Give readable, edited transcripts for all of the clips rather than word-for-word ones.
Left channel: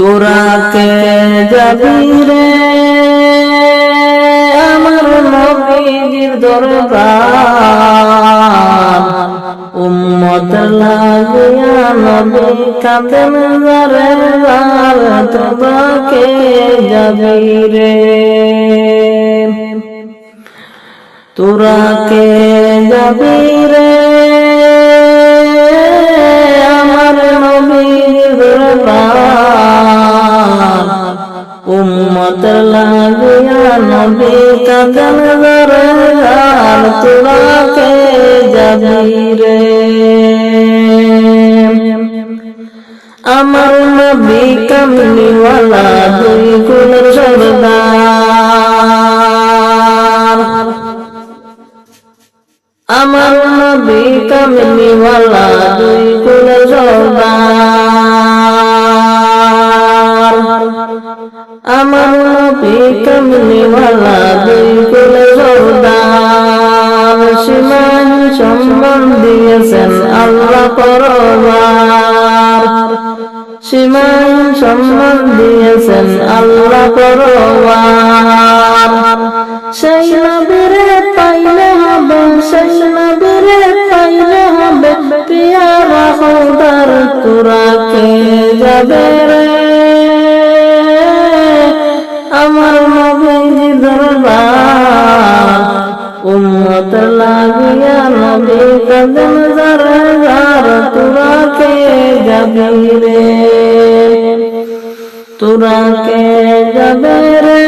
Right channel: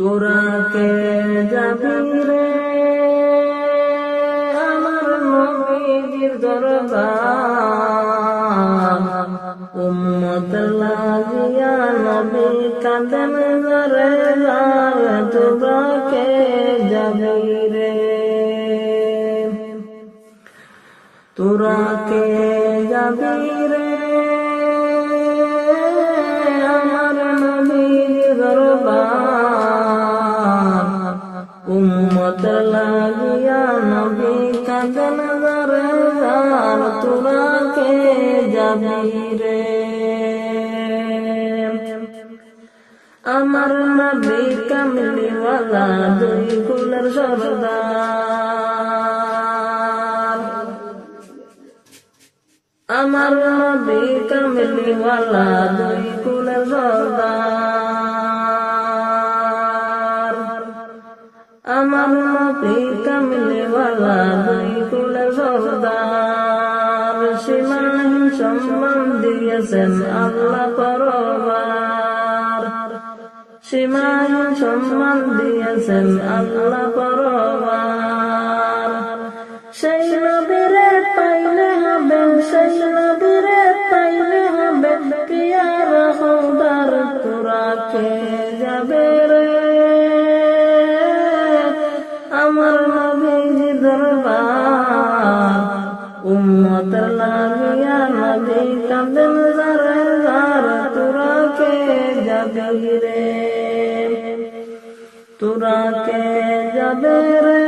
তোরা কে যাবি রে আমার নবীজির দরবার উম্মত লাগিয়া নবী কাঁদেন যারে যার তোরা কে যাবি রে তোরা কে যাবি রে আমার নবীর দরবার উম্মত লাগিয়া নবী কাঁদেন যারে যার তোরা কে যাবি রে আমার নবী কামলিওয়ালা দুই কুলের সরদার আমার নবী কামলিওয়ালা দুই কুলের সরদার আমার নবী কামলিওয়ালা দুই কুলের সরদার সীমাহীন সম্মান দিয়েছেন আল্লাহ পরবার সীমাহীন সম্মান দিয়েছেন আল্লাহ পরবার সেই নবীরে পাইলে হবে সেই নবীরে পাইলে হবে পিয়ারা খোদার তোরা কে যাবে রে আমার নবীর দরবার উম্মত লাগিয়া নবী কাঁদেন যারে যার তোরা কে যাবি রে তোরা কে যাবে রে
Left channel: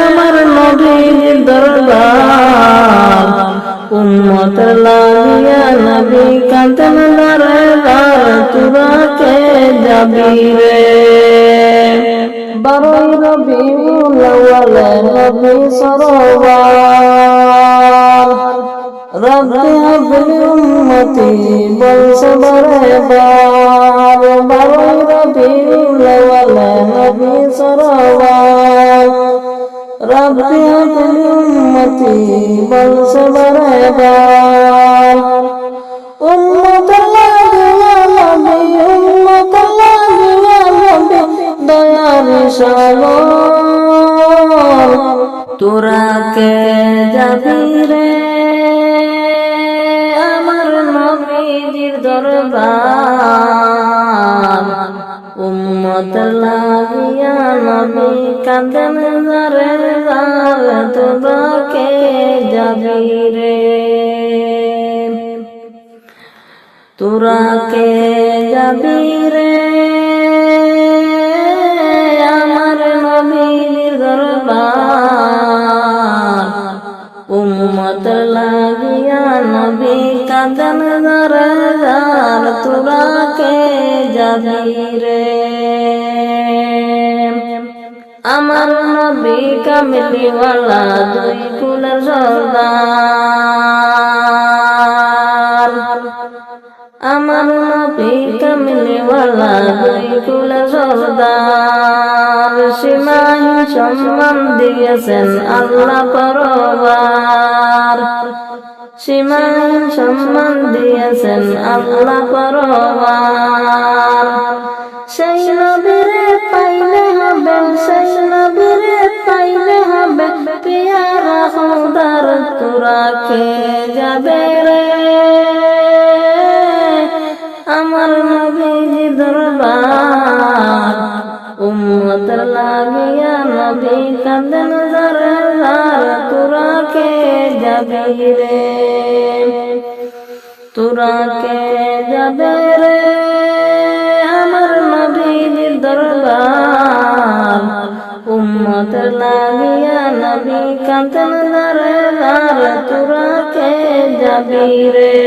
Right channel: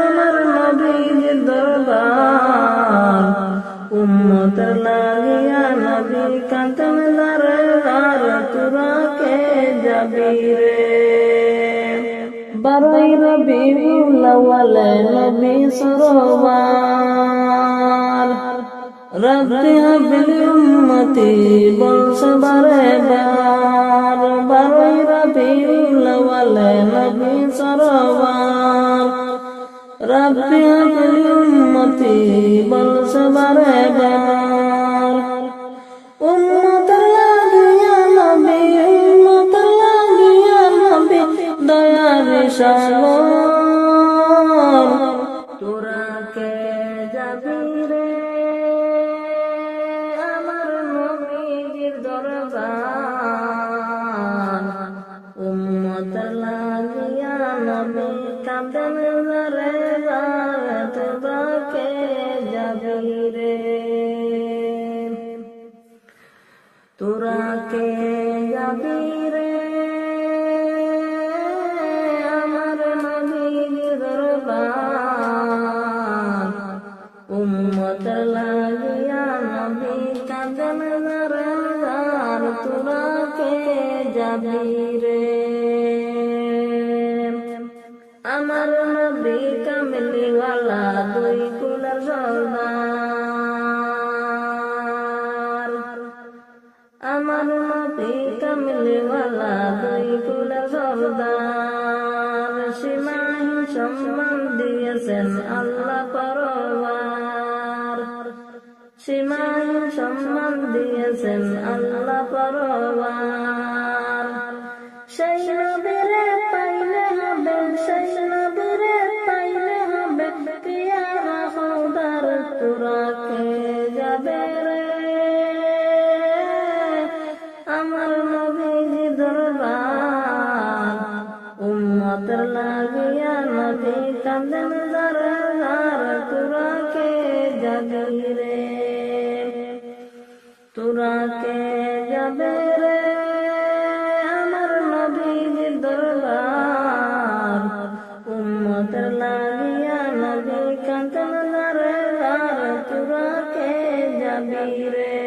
আমার নবীর দরবার উম্মত লাগিয়া নবী কাঁদেন যারে যার তোরা কে যাবি রে 12 রবিউল আউয়াল নবী সরওয়ার রব্বি হাবলি উম্মতি বলছে বারবার 12 রবিউল আউয়াল নবী সরওয়ার রব্বি হাবলি উম্মতি বলছে বারবার উম্মত লাগিয়া নবী উম্মত লাগিয়া নবী দয়ার সাগর তোরা কে যাবি রে আমার নবীজির দরবার উম্মত লাগিয়া নবী কাঁদেন যারে যার তোরা কে যাবি রে তোরা কে যাবি রে আমার নবীর দরবার উম্মত লাগিয়া নবী কাঁদেন যারে যার তোরা কে যাবি রে আমার নবী কামলিওয়ালা দুই কুলের সরদার আমার নবী কামলিওয়ালা দুই কুলের সরদার সীমাহীন সম্মান দিয়েছেন আল্লাহ পরবার সীমাহীন সম্মান দিয়েছেন আল্লাহ পরবার সেই নবীরে পাইলে হবে সেই নবীরে পাইলে হবে পিয়ারা খোদার তোরা কে যাবে রে আমার নবীর দরবার উম্মত লাগিয়া নবী কাঁদেন যারে যার তোরা কে যাবি রে তোরা কে যাবে রে আমার নবীর দরবার উম্মত লাগিয়া নবী কাঁদেন যারে যার তোরা কে যাবি রে